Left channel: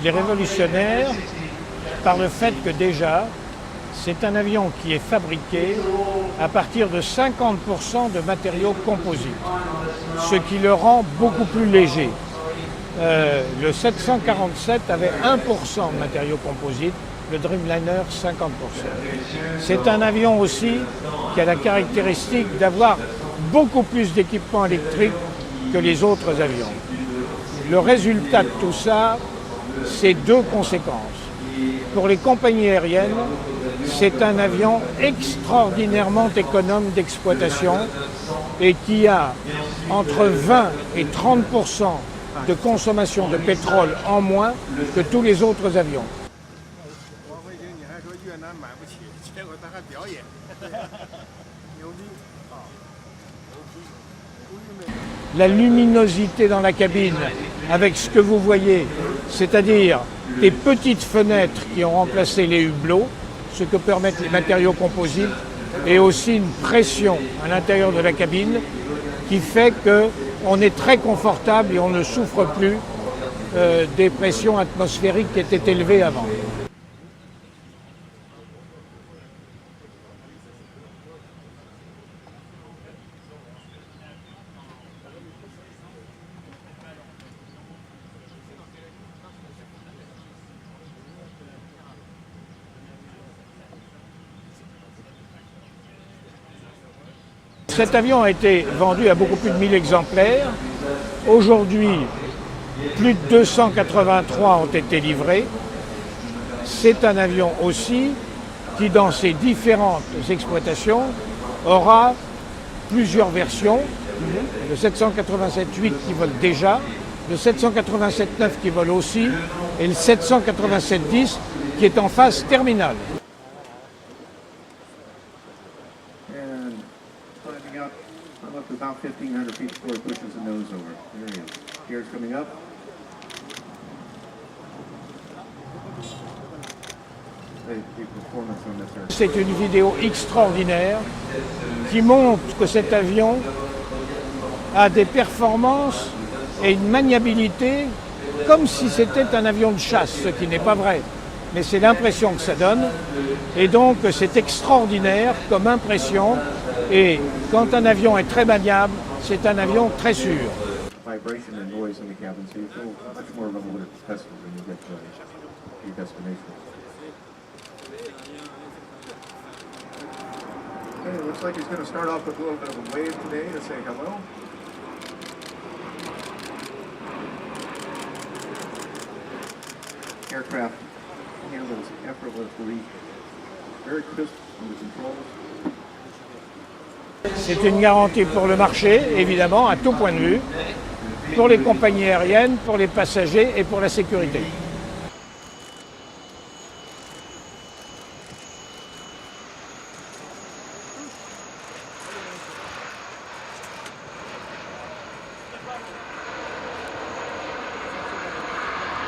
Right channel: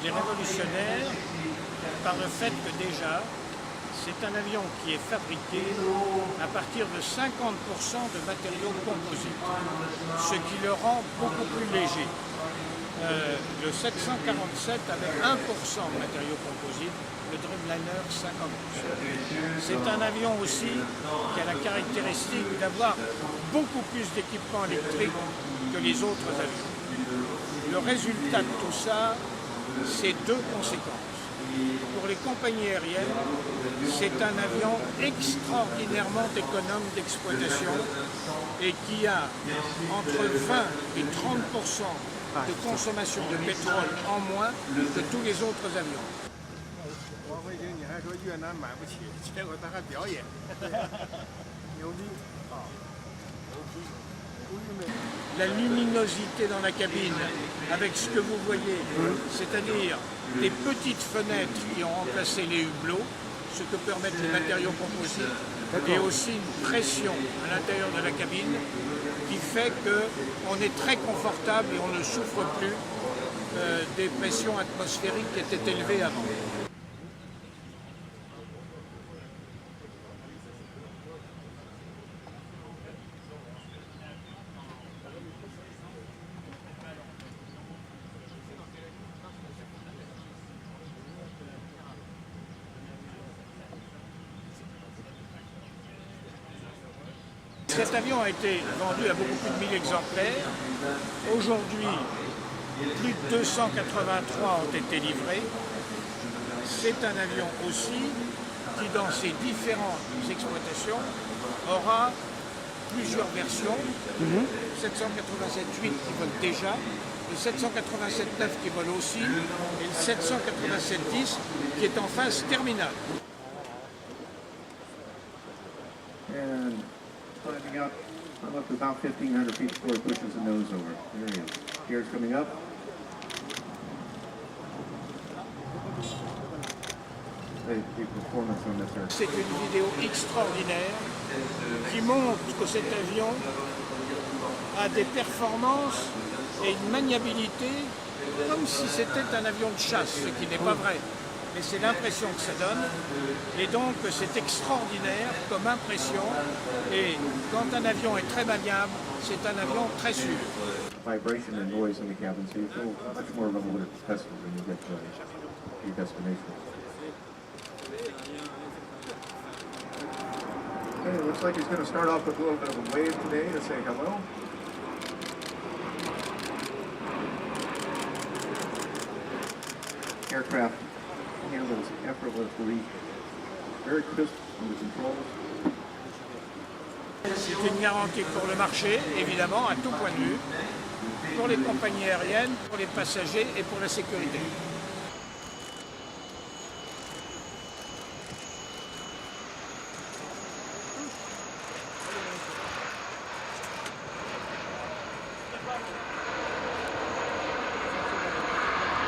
Il est révolutionnaire par le fait que déjà, c'est un avion qui est fabriqué à partir de 50% de matériaux composites, ce qui le rend beaucoup plus léger. Le 747 avait 1% de matériaux composites, le Dreamliner 50%. C'est un avion aussi qui a la caractéristique d'avoir beaucoup plus d'équipements électriques que les autres avions. Le résultat de tout ça, c'est deux conséquences. Pour les compagnies aériennes, c'est un avion extraordinairement économe d'exploitation et qui a entre 20 et 30% de consommation de pétrole en moins que tous les autres avions. La luminosité dans la cabine, avec ce que vous voyez, c'est-à-dire des petites fenêtres qui ont remplacé les hublots, ce que permettent les matériaux composites, et aussi une pression à l'intérieur de la cabine qui fait qu'on est très confortable et on ne souffre plus des pressions atmosphériques qui étaient élevées avant. Cet avion a été vendu à beaucoup plus de 1000 exemplaires. Aujourd'hui, plus de 283 ont été livrés. C'est un avion aussi qui, dans ses différentes exploitations, aura plusieurs versions. Le 787-8 qui vole déjà, le 787-9 qui vole aussi, et le 787-10 qui est en phase terminale. Climbing up, I'm up to about 1,500 feet before it pushes the nose over. There he is. Gears coming up. The performance on this aircraft. C'est une vidéo extraordinaire qui montre que cet avion a des performances et une maniabilité comme si c'était un avion de chasse, ce qui n'est pas vrai. Mais c'est l'impression que ça donne. Et donc c'est extraordinaire comme impression. Et quand un avion est très maniable, c'est un avion très sûr. Vibration and noise in the cabin, so you feel much more level with the Tesla when you get to your destination. Okay, it looks like he's going to start off with a little bit of a wave today to say hello. Aircraft handles effortlessly, very crisp on the controls. C'est une garantie pour le marché, évidemment, à tout point de vue, pour les compagnies aériennes, pour les passagers et pour la sécurité.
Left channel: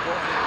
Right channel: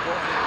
Bon.